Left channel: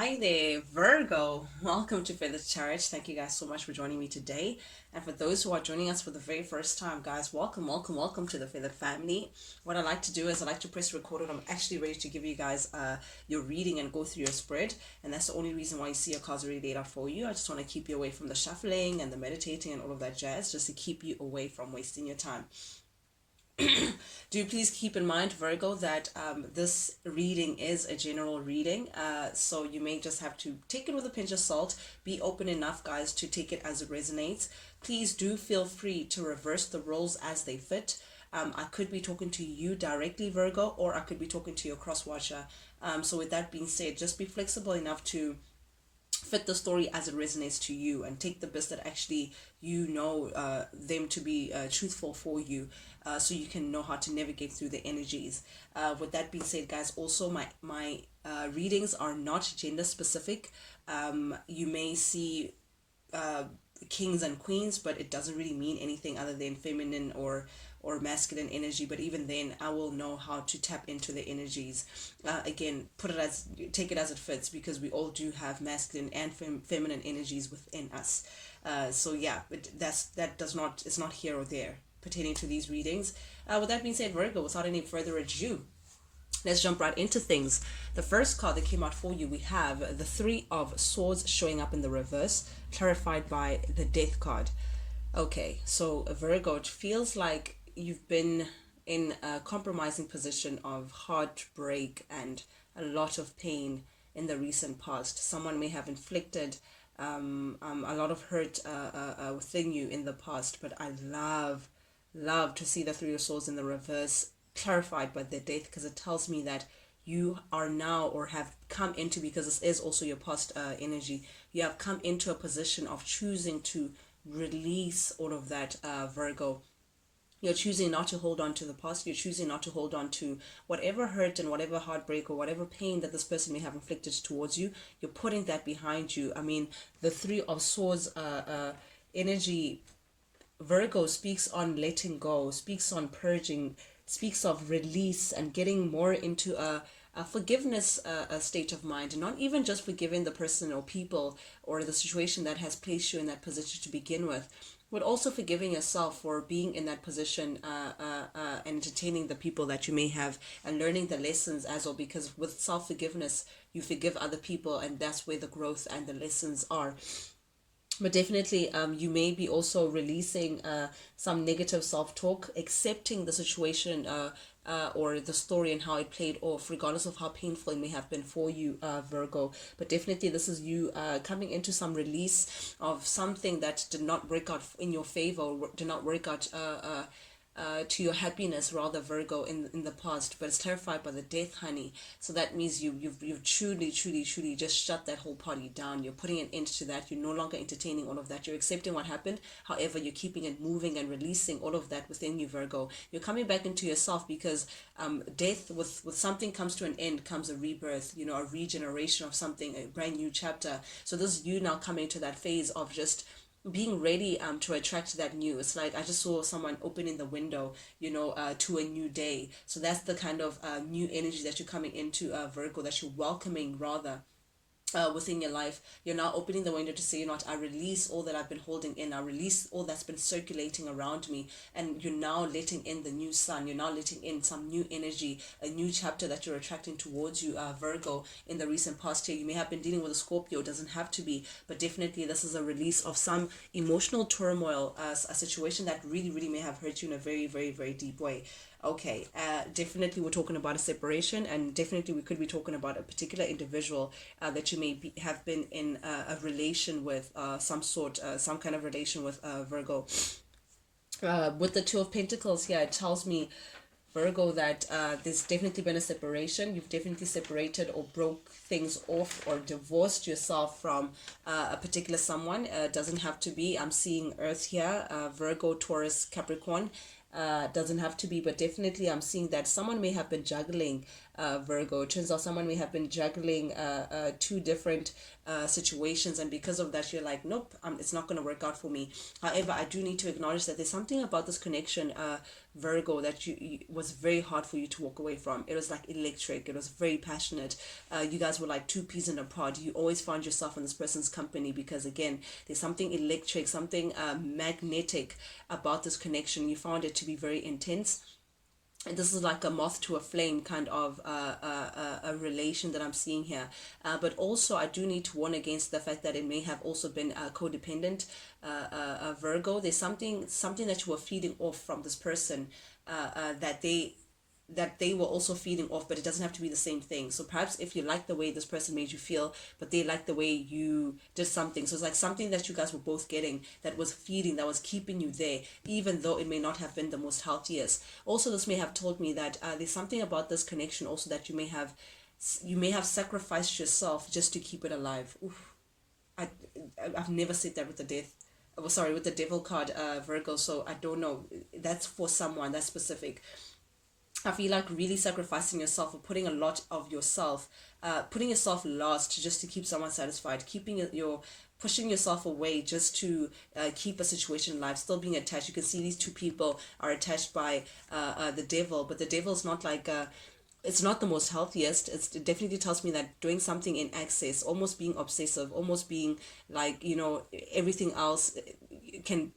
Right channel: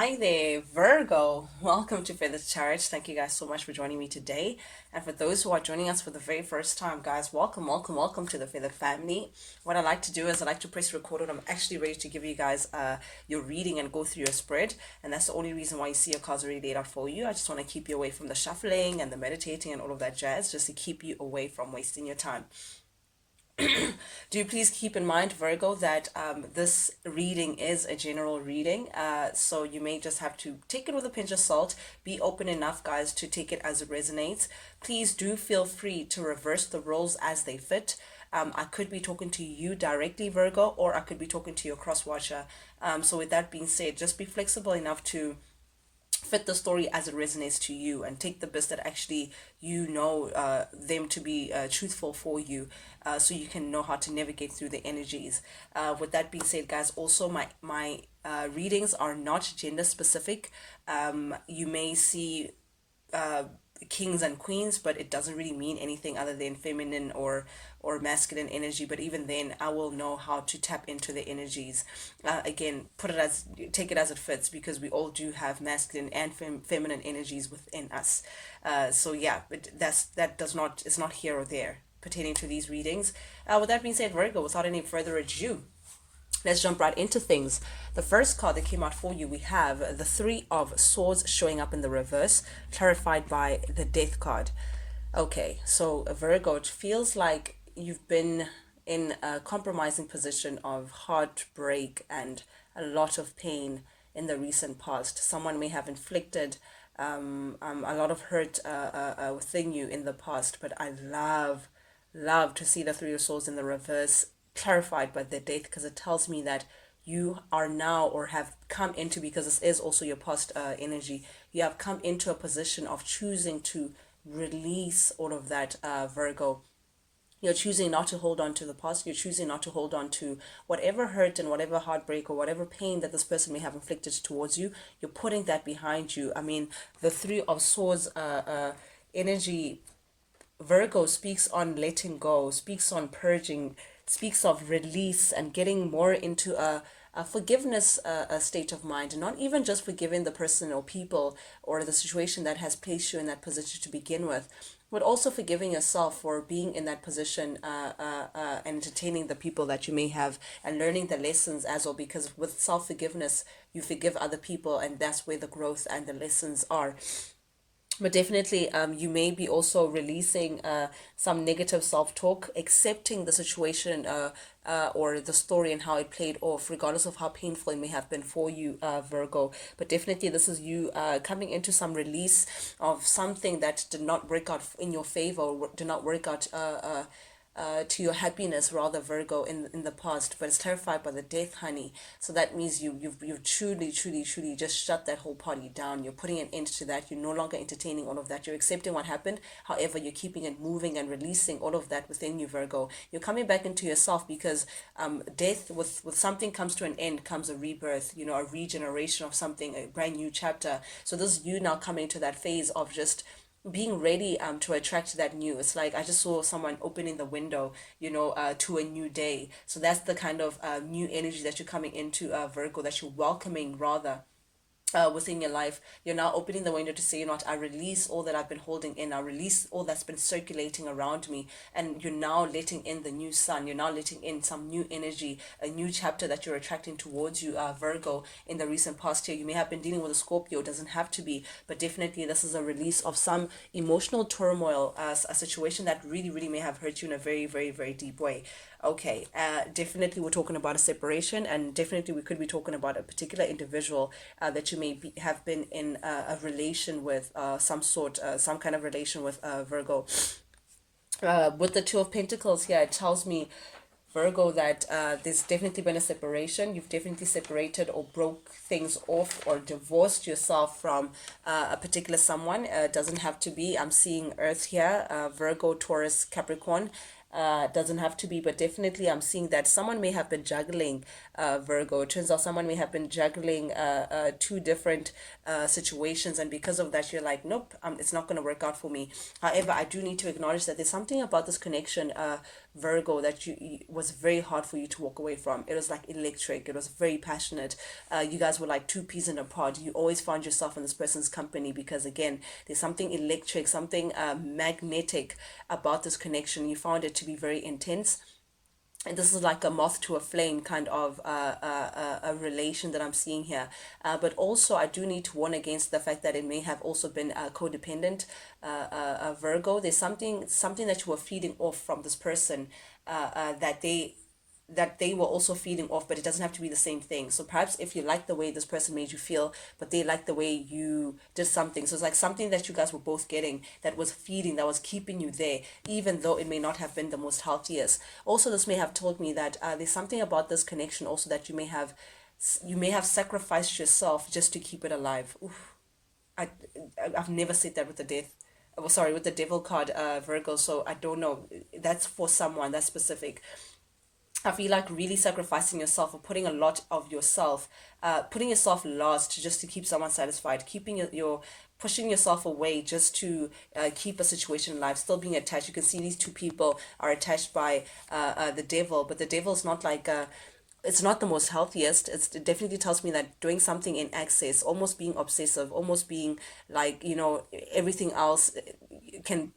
Hi there, Virgo. Welcome to Feather Charge. Thank you guys so much for joining me today. And for those who are joining us for the very first time, guys, welcome to the Feather family. What I like to do is I like to press record when I'm actually ready to give you guys your reading and go through your spread. And that's the only reason why you see your cards already laid out for you. I just want to keep you away from the shuffling and the meditating and all of that jazz, just to keep you away from wasting your time. Do please keep in mind, Virgo, that this reading is a general reading. So you may just have to take it with a pinch of salt. Be open enough, guys, to take it as it resonates. Please do feel free to reverse the roles as they fit. I could be talking to you directly, Virgo, or I could be talking to your cross watcher. So with that being said, just be flexible enough to fit the story as it resonates to you and take the bits that actually them to be truthful for you, so you can know how to navigate through the energies. With that being said, guys, also my readings are not gender specific. You may see uh, kings and queens, but it doesn't really mean anything other than feminine or masculine energy. But even then, I will know how to tap into the energies. Again, take it as it fits, because we all do have masculine and feminine energies within us. So yeah, but that does not it's not here or there pertaining to these readings. With that being said, Virgo, without any further ado, let's jump right into things. The first card that came out for you, we have the Three of Swords showing up in the reverse, clarified by the Death card. Okay, so Virgo, it feels like you've been in a compromising position of heartbreak and a lot of pain in the recent past. Someone may have inflicted a lot of hurt within you in the past, but I love to see the Three of Swords in the reverse, clarified by the Death, because it tells me that you are now, or have come into, because this is also your past energy, you have come into a position of choosing to release all of that, Virgo. You're choosing not to hold on to the past. You're choosing not to hold on to whatever hurt and whatever heartbreak or whatever pain that this person may have inflicted towards you. You're putting that behind you. I mean, the Three of Swords energy, Virgo, speaks on letting go, speaks on purging, speaks of release and getting more into a forgiveness a state of mind, and not even just forgiving the person or people or the situation that has placed you in that position to begin with, but also forgiving yourself for being in that position, and entertaining the people that you may have, and learning the lessons as well, because with self-forgiveness you forgive other people, and that's where the growth and the lessons are. But definitely, you may be also releasing some negative self-talk, accepting the situation, or the story and how it played off, regardless of how painful it may have been for you, Virgo. But definitely, this is you coming into some release of something that did not work out in your favor, or did not work out to your happiness, rather, Virgo, in the past. But it's terrified by the Death, honey. So that means you've truly just shut that whole party down. You're putting an end to that. You're no longer entertaining all of that. You're accepting what happened. However, you're keeping it moving and releasing all of that within you, Virgo. You're coming back into yourself, because death, with something comes to an end, comes a rebirth, a regeneration of something, a brand new chapter. So this is you now coming to that phase of just being ready to attract that new. It's like I just saw someone opening the window, to a new day. So that's the kind of new energy that you're coming into, Virgo, that you're welcoming, rather, within your life. You're now opening the window to say, I release all that I've been holding in. I release all that's been circulating around me. And you're now letting in the new sun. You're now letting in some new energy, a new chapter that you're attracting towards you, Virgo. In the recent past year, you may have been dealing with a Scorpio. It doesn't have to be, but definitely this is a release of some emotional turmoil, a situation that really may have hurt you in a very deep way. Okay, definitely we're talking about a separation, and definitely we could be talking about a particular individual that you may have been in a relation with, some kind of relation with, Virgo. With the Two of Pentacles here, it tells me, Virgo, that there's definitely been a separation. You've definitely separated or broke things off or divorced yourself from a particular someone. Doesn't have to be. I'm seeing Earth here, Virgo, Taurus, Capricorn. Doesn't have to be, but definitely I'm seeing that someone may have been juggling Virgo. It turns out someone may have been juggling two different situations, and because of that, you're like, nope, it's not going to work out for me. However, I do need to acknowledge that there's something about this connection, Virgo, that was very hard for you to walk away from. It was like electric. It was very passionate. You guys were like two peas in a pod. You always found yourself in this person's company because, again, there's something electric, something magnetic about this connection. You found it to be very intense. And this is like a moth to a flame kind of a relation that I'm seeing here. But also, I do need to warn against the fact that it may have also been codependent. Virgo, there's something that you were feeding off from this person, that they were also feeding off, but it doesn't have to be the same thing. So perhaps if you like the way this person made you feel, but they like the way you did something. So it's like something that you guys were both getting that was feeding, that was keeping you there, even though it may not have been the most healthiest. Also, this may have told me that there's something about this connection also that you may have sacrificed yourself just to keep it alive. Oof. I, I've never said that with the death. Oh, sorry, with the devil card, Virgo. So I don't know. That's for someone that's specific. I feel like really sacrificing yourself or putting a lot of yourself, putting yourself last just to keep someone satisfied, keeping your pushing yourself away just to keep a situation alive, still being attached. You can see these two people are attached by the devil, but the devil is not like it's not the most healthiest. It definitely tells me that doing something in excess, almost being obsessive, almost being like, everything else can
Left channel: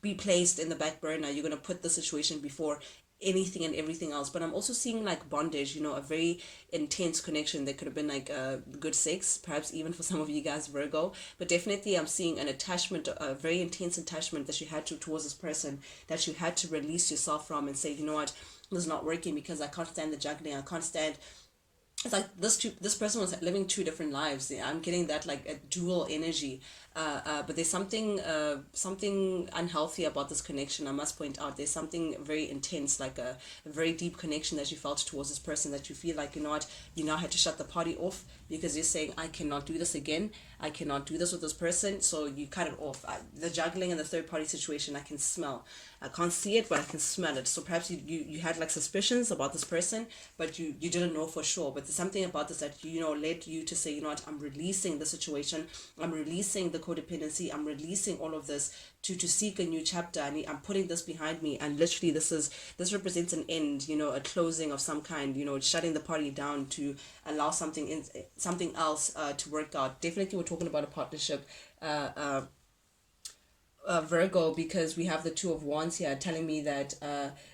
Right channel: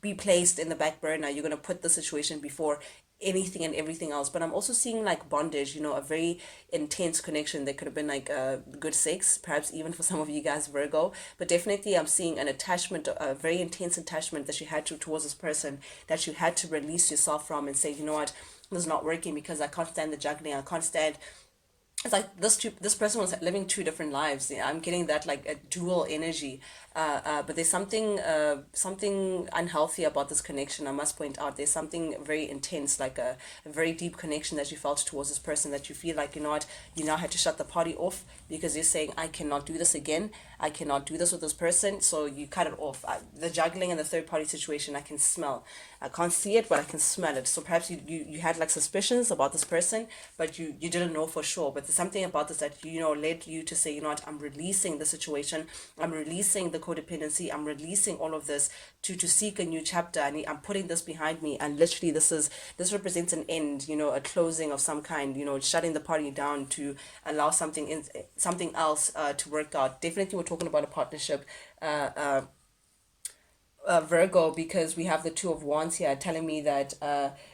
be placed in the back burner. You're going to put the situation before anything and everything else. But I'm also seeing like bondage, a very intense connection. There could have been like good sex, perhaps even for some of you guys, Virgo. But definitely I'm seeing an attachment, a very intense attachment that you had towards this person, that you had to release yourself from and say, you know what, this is not working because I can't stand the juggling. I can't stand. It's like this person was living two different lives. Yeah, I'm getting that like a dual energy. But there's something unhealthy about this connection. I must point out there's something very intense, like a very deep connection that you felt towards this person, that you feel like, you know what, you now had to shut the party off because you're saying, I cannot do this again. I cannot do this with this person. So you cut it off. The juggling and the third party situation, I can smell. I can't see it, but I can smell it. So perhaps you had like suspicions about this person, but you didn't know for sure. But there's something about this that, led you to say, you know what, I'm releasing the situation. I'm releasing the codependency. I'm releasing all of this to seek a new chapter. And I'm putting this behind me. And literally this represents an end, a closing of some kind, shutting the party down to allow something else to work out. Definitely we're talking about a partnership. Virgo, because we have the Two of Wands here telling me that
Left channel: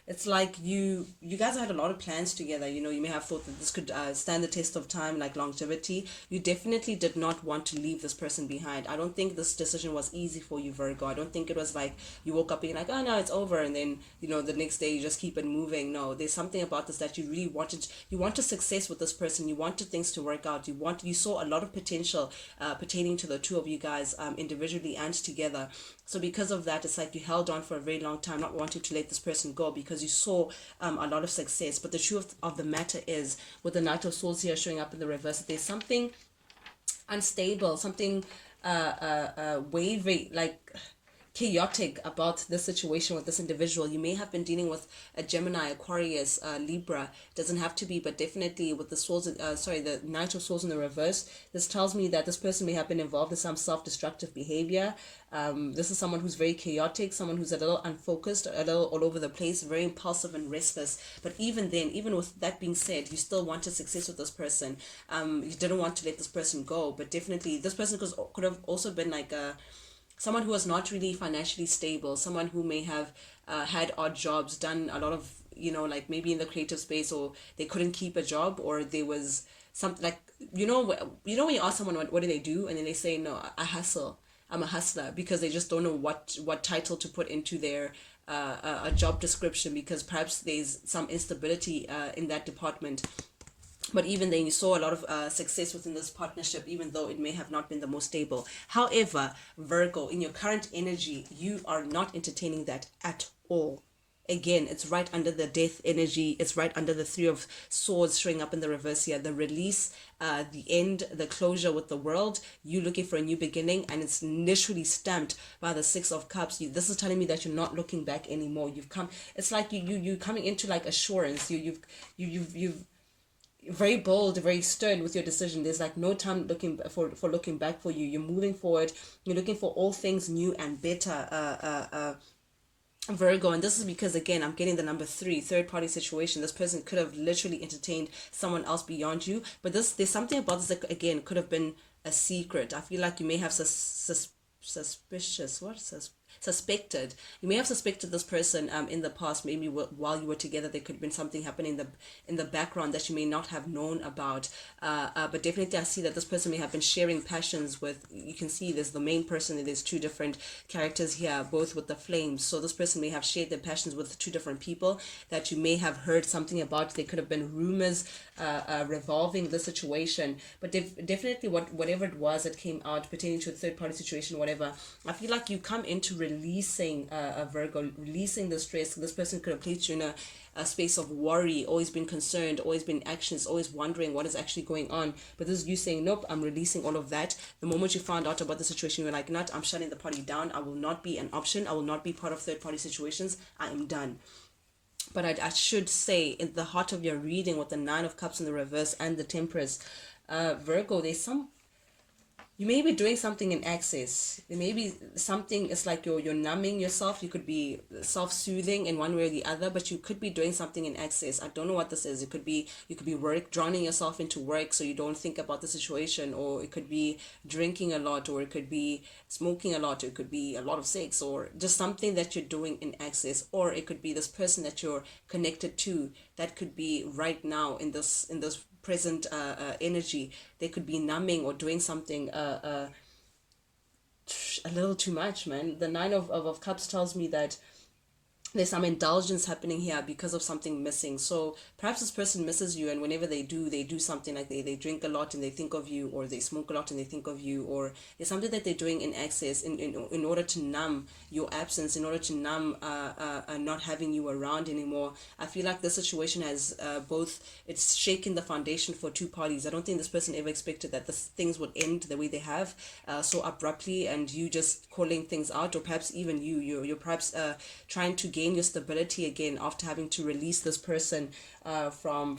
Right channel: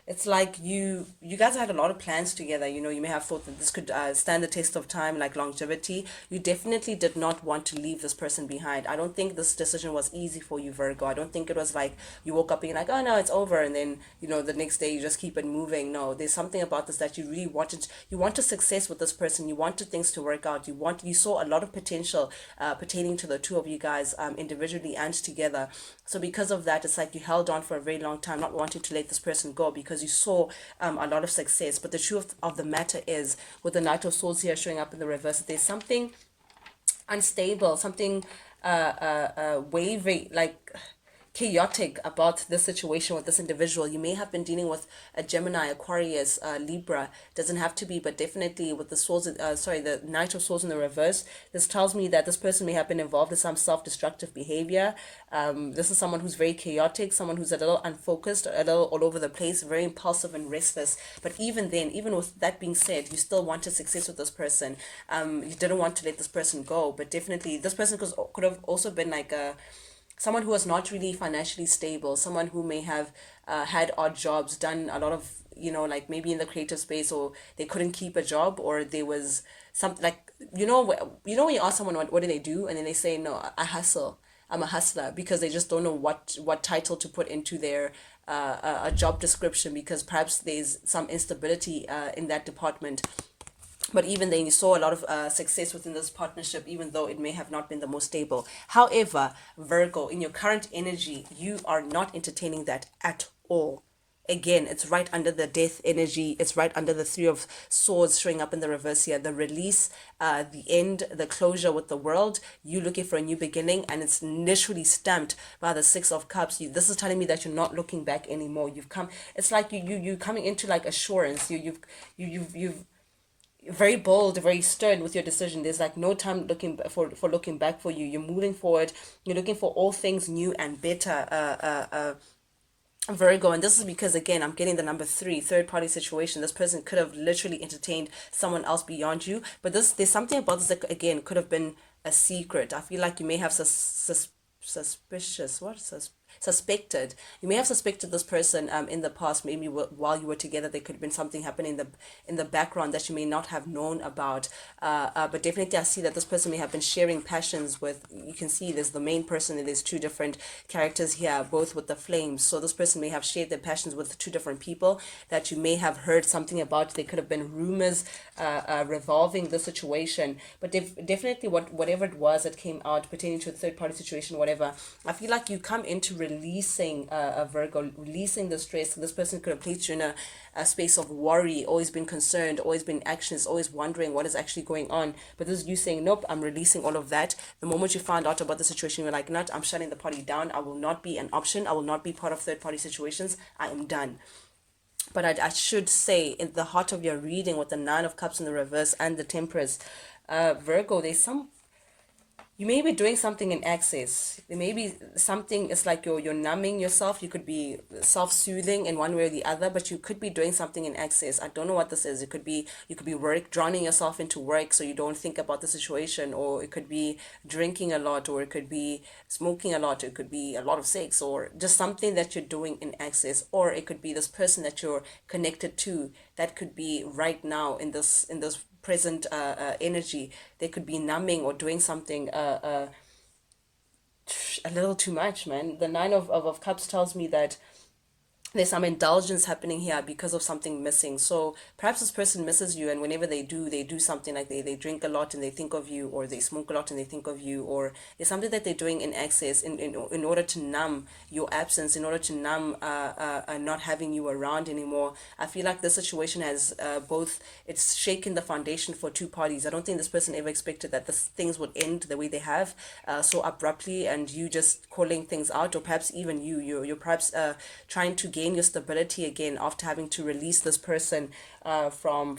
it's like you guys had a lot of plans together. You may have thought that this could stand the test of time, like longevity. You definitely did not want to leave this person behind. I don't think this decision was easy for you, Virgo. I don't think it was like you woke up being like, oh no, it's over, and then the next day you just keep it moving. No, there's something about this that you really wanted. You wanted success with this person. You wanted things to work out. You saw a lot of potential pertaining to the two of you guys, individually and together. So because of that, it's like you held on for a very long time, not wanting to let this person go because you saw a lot of success. But the truth of the matter is, with the Knight of Swords here showing up in the reverse, there's something unstable, something wavy, like chaotic about this situation with this individual. You may have been dealing with a Gemini, Aquarius, Libra. Doesn't have to be, but definitely with the swords, the Knight of Swords in the reverse. This tells me that this person may have been involved in some self-destructive behavior. This is someone who's very chaotic, someone who's a little unfocused, a little all over the place, very impulsive and restless. But even then, even with that being said, you still wanted success with this person. You didn't want to let this person go, but definitely this person could have also been like someone who was not really financially stable, someone who may have had odd jobs, done a lot of, like maybe in the creative space, or they couldn't keep a job, or there was something like, when you ask someone what do they do, and then they say, no, I hustle. I'm a hustler, because they just don't know what title to put into their a job description, because perhaps there's some instability in that department. But even then, you saw a lot of success within this partnership, even though it may have not been the most stable. However, Virgo, in your current energy, you are not entertaining that at all. Again, it's right under the death energy. It's right under the Three of Swords showing up in the reverse here. The release, the end, the closure with the world. You looking for a new beginning, and it's literally stamped by the Six of Cups. This is telling me that you're not looking back anymore. You've come. It's like you coming into like assurance. You've very bold, very stern with your decision. There's like no time looking for looking back for you. You're moving forward. You're looking for all things new and better. Virgo, and this is because again I'm getting the number three, third party situation. This person could have literally entertained someone else beyond you, but there's something about this that again could have been a secret. I feel like you may have suspicious what suspected, you may have suspected this person in the past. Maybe while you were together there could have been something happening in the background that you may not have known about, but definitely I see that this person may have been sharing passions with, you can see there's the main person and there's two different characters here, both with the flames. So this person may have shared their passions with two different people that you may have heard something about. There could have been rumors revolving the situation, but definitely whatever it was that came out pertaining to a third party situation, whatever, I feel like you come into releasing a Virgo, releasing the stress. This person could have placed you in a space of worry, always been concerned, always been anxious, always wondering what is actually going on. But this is you saying, nope, I'm releasing all of that. The moment you found out about the situation, you're like, not, I'm shutting the party down. I will not be an option. I will not be part of third party situations. I am done. But I should say, in the heart of your reading with the Nine of Cups in the reverse and the Temperance, Virgo, there's some, you may be doing something in excess. There may be something, it's like you're numbing yourself. You could be self-soothing in one way or the other, but you could be doing something in excess. I don't know what this is. It could be, you could be drowning yourself into work so you don't think about the situation, or it could be drinking a lot, or it could be smoking a lot, it could be a lot of sex, or just something that you're doing in excess, or it could be this person that you're connected to that could be right now in this present energy. They could be numbing or doing something a little too much, man. The Nine of Cups tells me that there's some indulgence happening here because of something missing. So perhaps this person misses you, and whenever they do something like they drink a lot and they think of you, or they smoke a lot and they think of you, or there's something that they're doing in excess in order to numb your absence, in order to numb not having you around anymore. I feel like this situation has both, it's shaken the foundation for two parties. I don't think this person ever expected that this things would end the way they have, so abruptly, and you just calling things out, or perhaps even you're perhaps trying to gain your stability again after having to release this person from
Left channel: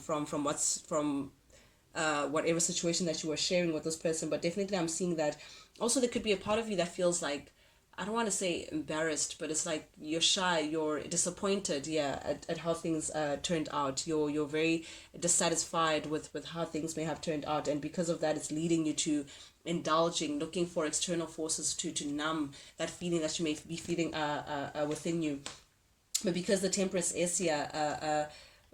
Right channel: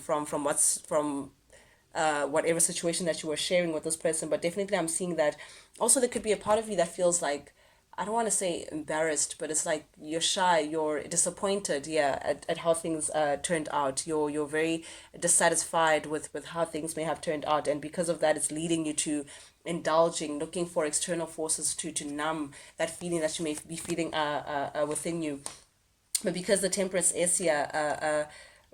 whatever situation that you were sharing with this person. But definitely I'm seeing that also there could be a part of you that feels like, I don't want to say embarrassed, but it's like you're shy, you're disappointed, yeah, at how things turned out. You're very dissatisfied with how things may have turned out, and because of that, it's leading you to indulging, looking for external forces to numb that feeling that you may be feeling within you. But because the Temperance is here,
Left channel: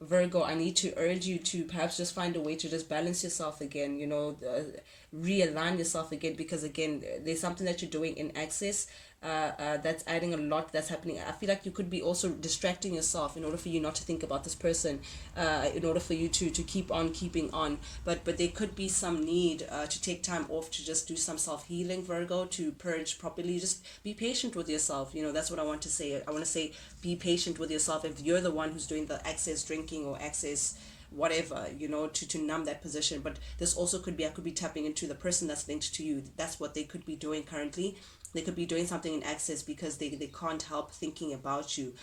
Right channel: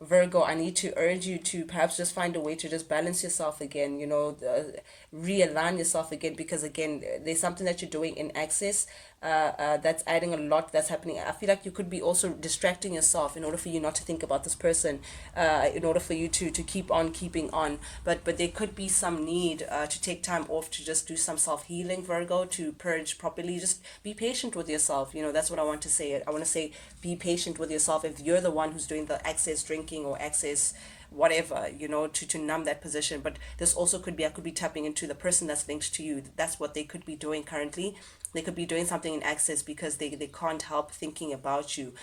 Virgo, I need to urge you to perhaps just find a way to just balance yourself again, realign yourself again, because again, there's something that you're doing in excess. That's adding a lot that's happening. I feel like you could be also distracting yourself in order for you not to think about this person, in order for you to keep on keeping on. But there could be some need to take time off to just do some self healing, Virgo, to purge properly. Just be patient with yourself. That's what I want to say. I want to say be patient with yourself. If you're the one who's doing the excess drinking or excess whatever, to numb that position. But this also could be, I could be tapping into the person that's linked to you. That's what they could be doing currently. They could be doing something in excess because they can't help thinking about you.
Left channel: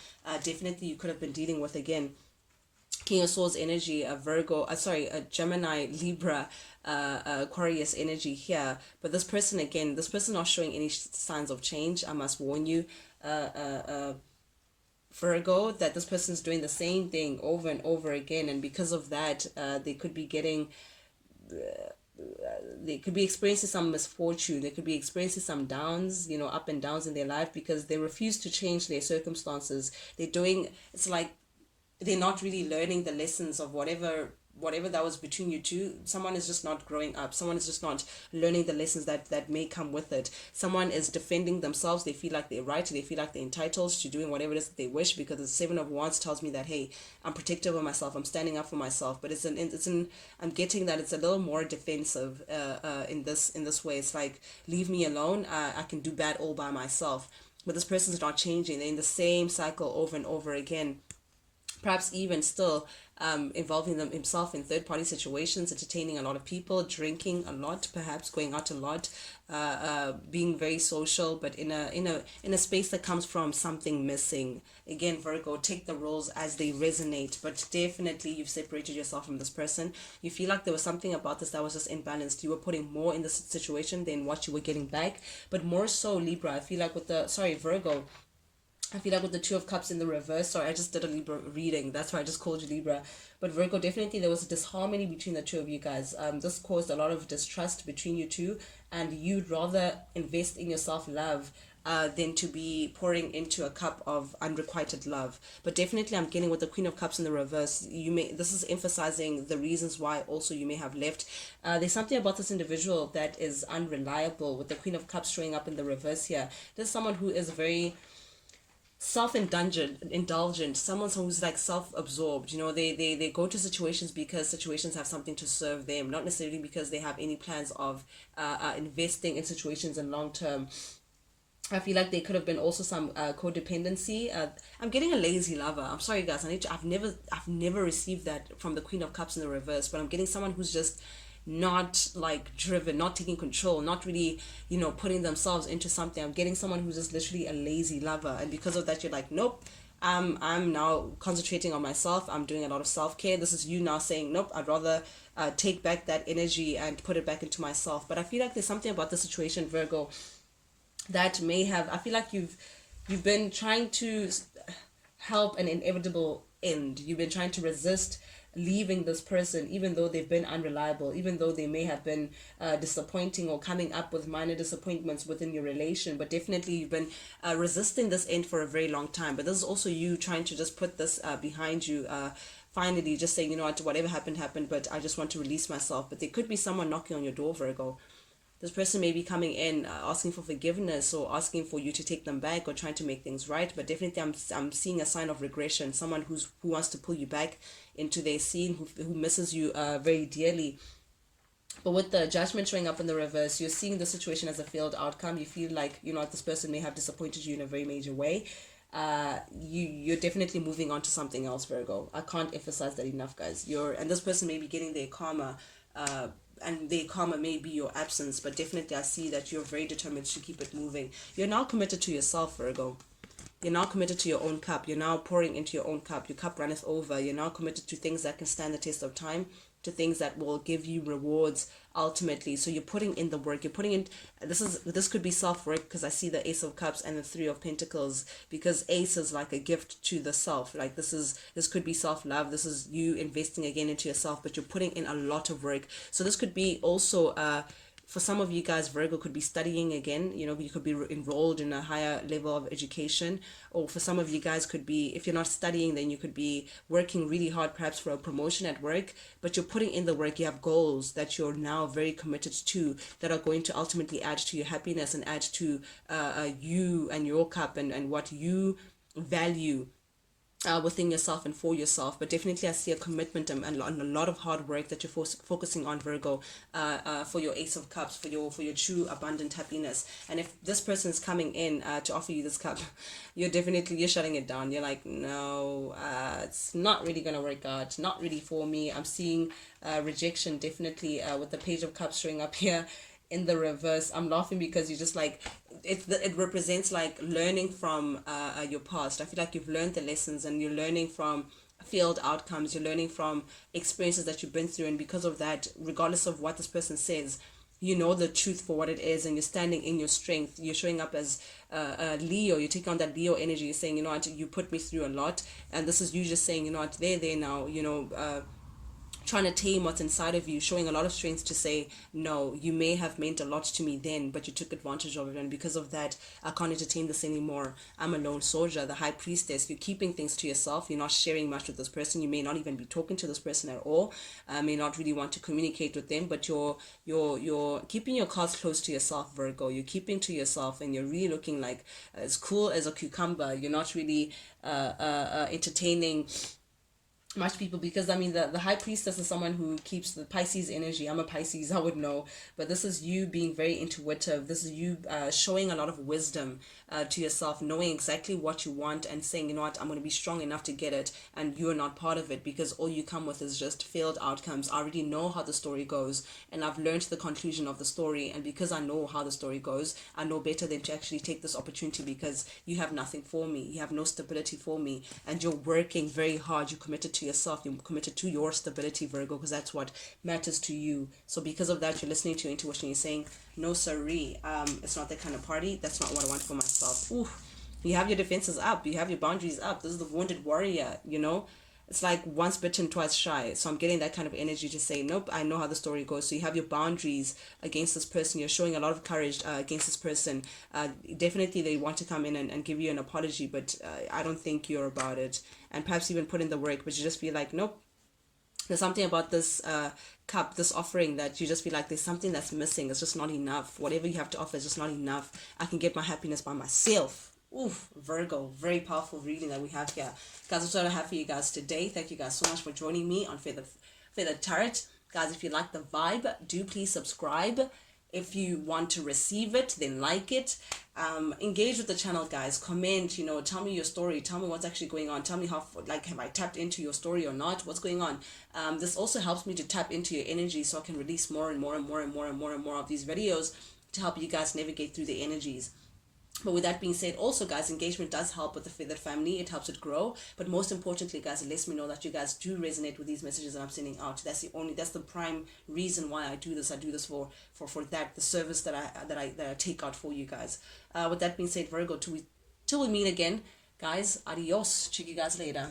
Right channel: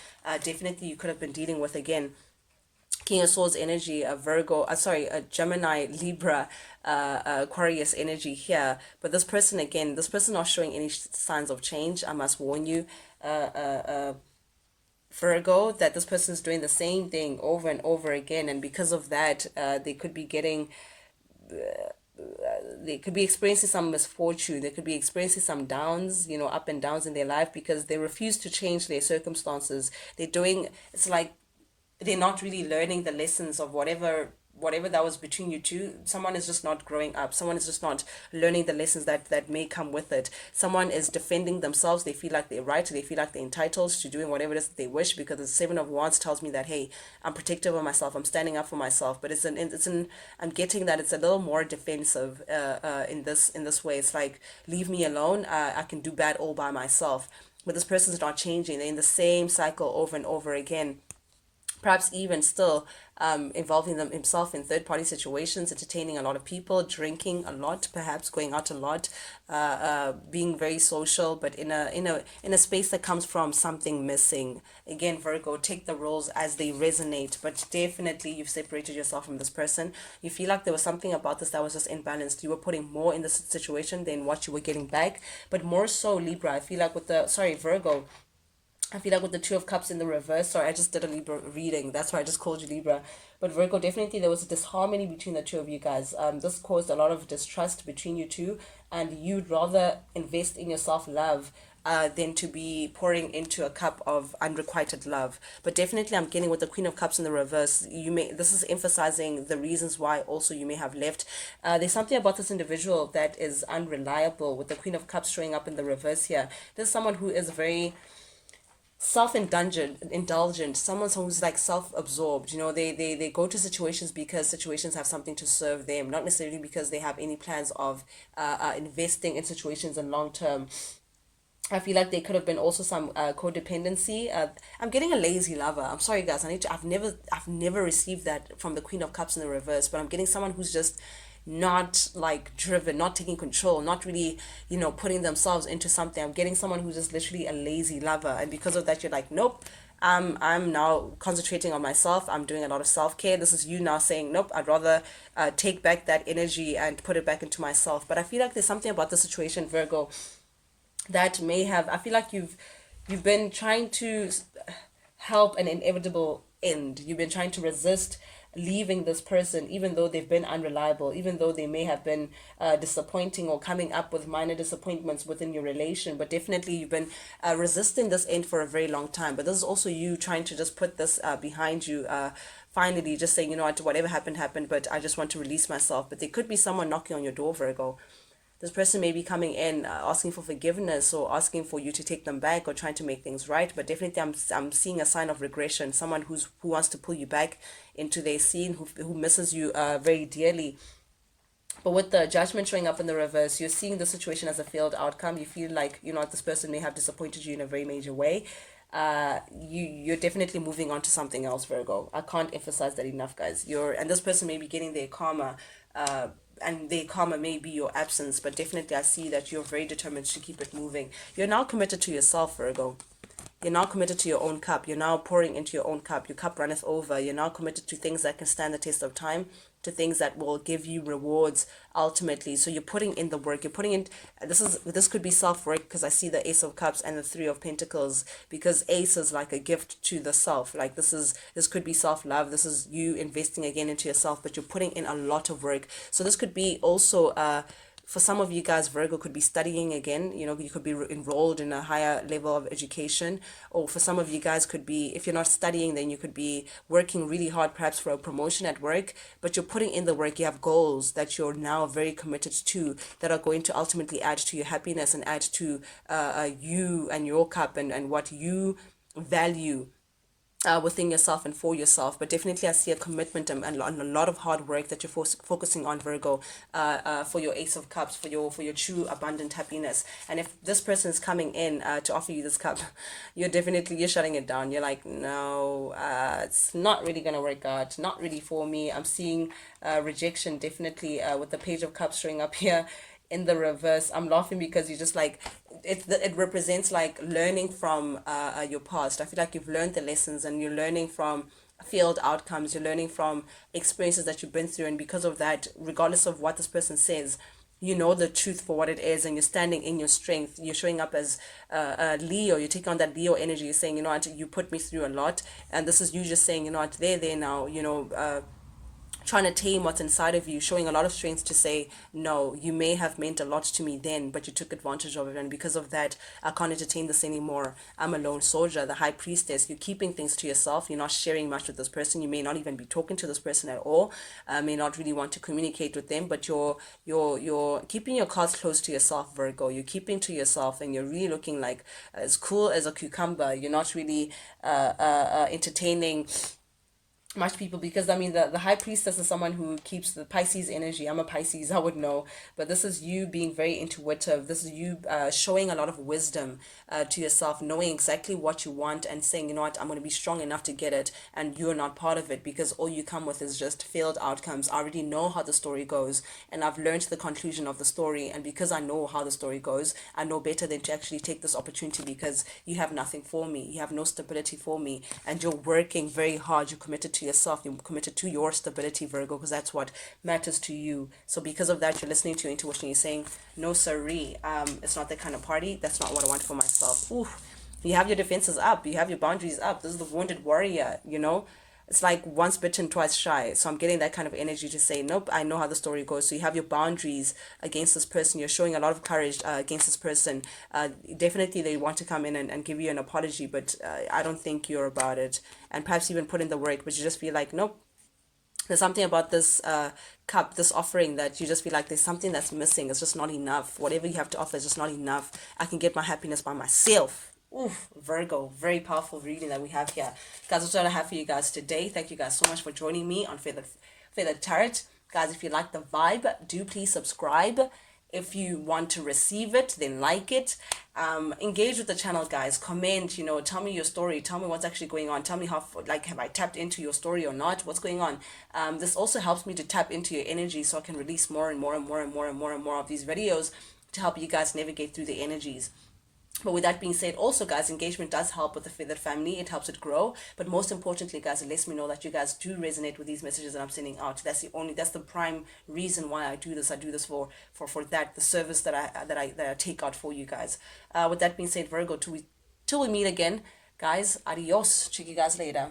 Definitely you could have been dealing with, again, King of Swords energy, a Virgo, a Gemini, Libra, Aquarius energy here. But this person, again, this person not showing any signs of change. I must warn you, Virgo, that this person is doing the same thing over and over again, and because of that, they could be experiencing some misfortune. They could be experiencing some downs, up and downs in their life, because they refuse to change their circumstances. It's like they're not really learning the lessons of whatever that was between you two. Someone is just not growing up. Someone is just not learning the lessons that may come with it. Someone is defending themselves. They feel like they're right. They feel like they're entitled to doing whatever it is that they wish, because the Seven of Wands tells me that, hey, I'm protective of myself. I'm standing up for myself. But I'm getting that it's a little more defensive in this way. It's like, leave me alone. I can do bad all by myself. But this person's not changing. They're in the same cycle over and over again. Perhaps even still involving himself in third party situations, entertaining a lot of people, drinking a lot, perhaps going out a lot, being very social, but in a space that comes from something missing. Again, Virgo, take the roles as they resonate, but definitely you've separated yourself from this person. You feel like there was something about this that was just imbalanced. You were putting more in the situation than what you were getting back, but more so Libra. I feel like with the sorry Virgo, I feel like with the Two of Cups in the reverse, sorry, I just did a Libra reading. That's why I just called you Libra. But Virgo, definitely there was a disharmony between the two of you guys. This caused a lot of distrust between you two, and you'd rather invest in your self love than to be pouring into a cup of unrequited love. But definitely, I'm getting with the Queen of Cups in the reverse. You may this is emphasizing the reasons why also you may have left. There's something about this individual that is unreliable. With the Queen of Cups showing up in the reverse here, there's someone who is very self-indulgent, someone who's like self-absorbed. They go to situations because situations have something to serve them, not necessarily because they have any plans of investing in situations in long term. I feel like there could have been also some codependency. I'm getting a lazy lover. I'm sorry, guys. I've never received that from the Queen of Cups in the reverse. But I'm getting someone who's just not like driven, not taking control, not really, putting themselves into something. I'm getting someone who's just literally a lazy lover, and because of that, you're like, nope. I'm now concentrating on myself. I'm doing a lot of self care. This is you now saying, nope. I'd rather take back that energy and put it back into myself. But I feel like there's something about the situation, Virgo, that may have I feel like you've been trying to help an inevitable end. You've been trying to resist leaving this person, even though they've been unreliable, even though they may have been disappointing or coming up with minor disappointments within your relation. But definitely you've been resisting this end for a very long time. But this is also you trying to just put this behind you, finally just saying, whatever happened happened, but I just want to release myself. But there could be someone knocking on your door, Virgo. This person may be coming in asking for forgiveness or asking for you to take them back or trying to make things right. But definitely I'm seeing a sign of regression, someone who wants to pull you back into their scene, who misses you very dearly. But with the Judgment showing up in the reverse, you're seeing the situation as a failed outcome. You feel like, this person may have disappointed you in a very major way. You're definitely moving on to something else, Virgo. I can't emphasize that enough, guys. And this person may be getting their karma, and their karma may be your absence, but definitely I see that you're very determined to keep it moving. You're now committed to yourself, Virgo. You're now committed to your own cup. You're now pouring into your own cup. Your cup runneth over. You're now committed to things that can stand the test of time, to things that will give you rewards ultimately. So you're putting in the work. You're putting in this could be self-work, because I see the Ace of Cups and the Three of Pentacles, because Ace is like a gift to the self. Like this could be self-love. This is you investing again into yourself, but you're putting in a lot of work. So this could be also for some of you guys, Virgo, could be studying again. You could be enrolled in a higher level of education. Or for some of you guys, could be, if you're not studying, then you could be working really hard, perhaps for a promotion at work, but you're putting in the work. You have goals that you're now very committed to, that are going to ultimately add to your happiness and add to you and your cup, and what you value within yourself and for yourself. But definitely I see a commitment and a lot of hard work that you're focusing on, Virgo, for your Ace of Cups, for your true abundant happiness. And if this person is coming in to offer you this cup, you're shutting it down. You're like, no, it's not really gonna work out, not really for me. I'm seeing rejection, definitely, with the Page of Cups showing up here in the reverse. I'm laughing because you just like it represents like learning from your past. I feel like you've learned the lessons, and you're learning from failed outcomes. You're learning from experiences that you've been through, and because of that, regardless of what this person says, you know the truth for what it is, and you're standing in your strength. You're showing up as Leo. You take on that Leo energy. You're saying, you put me through a lot, and this is you just saying, there now, trying to tame what's inside of you, showing a lot of strength to say, no, you may have meant a lot to me then, but you took advantage of it, and because of that, I can't entertain this anymore. I'm a lone soldier, the High Priestess. You're keeping things to yourself. You're not sharing much with this person. You may not even be talking to this person at all. May not really want to communicate with them, but you're keeping your cards close to yourself, Virgo. You're keeping to yourself, and you're really looking like as cool as a cucumber. You're not really entertaining much people, because I mean the high priestess is someone who keeps the Pisces energy. I'm a Pisces, I would know, but this is you being very intuitive. This is you showing a lot of wisdom to yourself, knowing exactly what you want and saying, you know what, I'm going to be strong enough to get it, and you're not part of it because all you come with is just failed outcomes. I already know how the story goes, and I've learned the conclusion of the story, and because I know how the story goes, I know better than to actually take this opportunity, because you have nothing for me, you have no stability for me, and you're working very hard. You're committed to yourself, you're committed to your stability, Virgo, because that's what matters to you. So because of that, you're listening to your intuition. You're saying, no siree, it's not that kind of party. That's not what I want for myself. Ooh, you have your defenses up, you have your boundaries up. This is the wounded warrior, you know. It's like once bitten, twice shy. So I'm getting that kind of energy to say, nope, I know how the story goes. So you have your boundaries against this person. You're showing a lot of courage against this person. Definitely they want to come in and give you an apology, but I don't think you're about it. And perhaps even put in the work, but you just feel like, nope, there's something about this cup, this offering, that you just feel like there's something that's missing. It's just not enough. Whatever you have to offer is just not enough. I can get my happiness by myself. Oof, Virgo, very powerful reading that we have here. Guys, that's what I have for you guys today. Thank you guys so much for joining me on Feather Tarot. Guys, if you like the vibe, do please subscribe. If you want to receive it, then like it. Engage with the channel, guys. Comment, you know, tell me your story. Tell me what's actually going on. Tell me how, like, have I tapped into your story or not? What's going on? This also helps me to tap into your energy, so I can release more and more and more and more and more and more of these videos to help you guys navigate through the energies. But with that being said, also, guys, engagement does help with the feathered family. It helps it grow. But most importantly, guys, it lets me know that you guys do resonate with these messages that I'm sending out. That's the prime reason why I do this. I do this for that, the service that I take out for you guys. With that being said, Virgo, till we meet again, guys, adios. Check you guys later.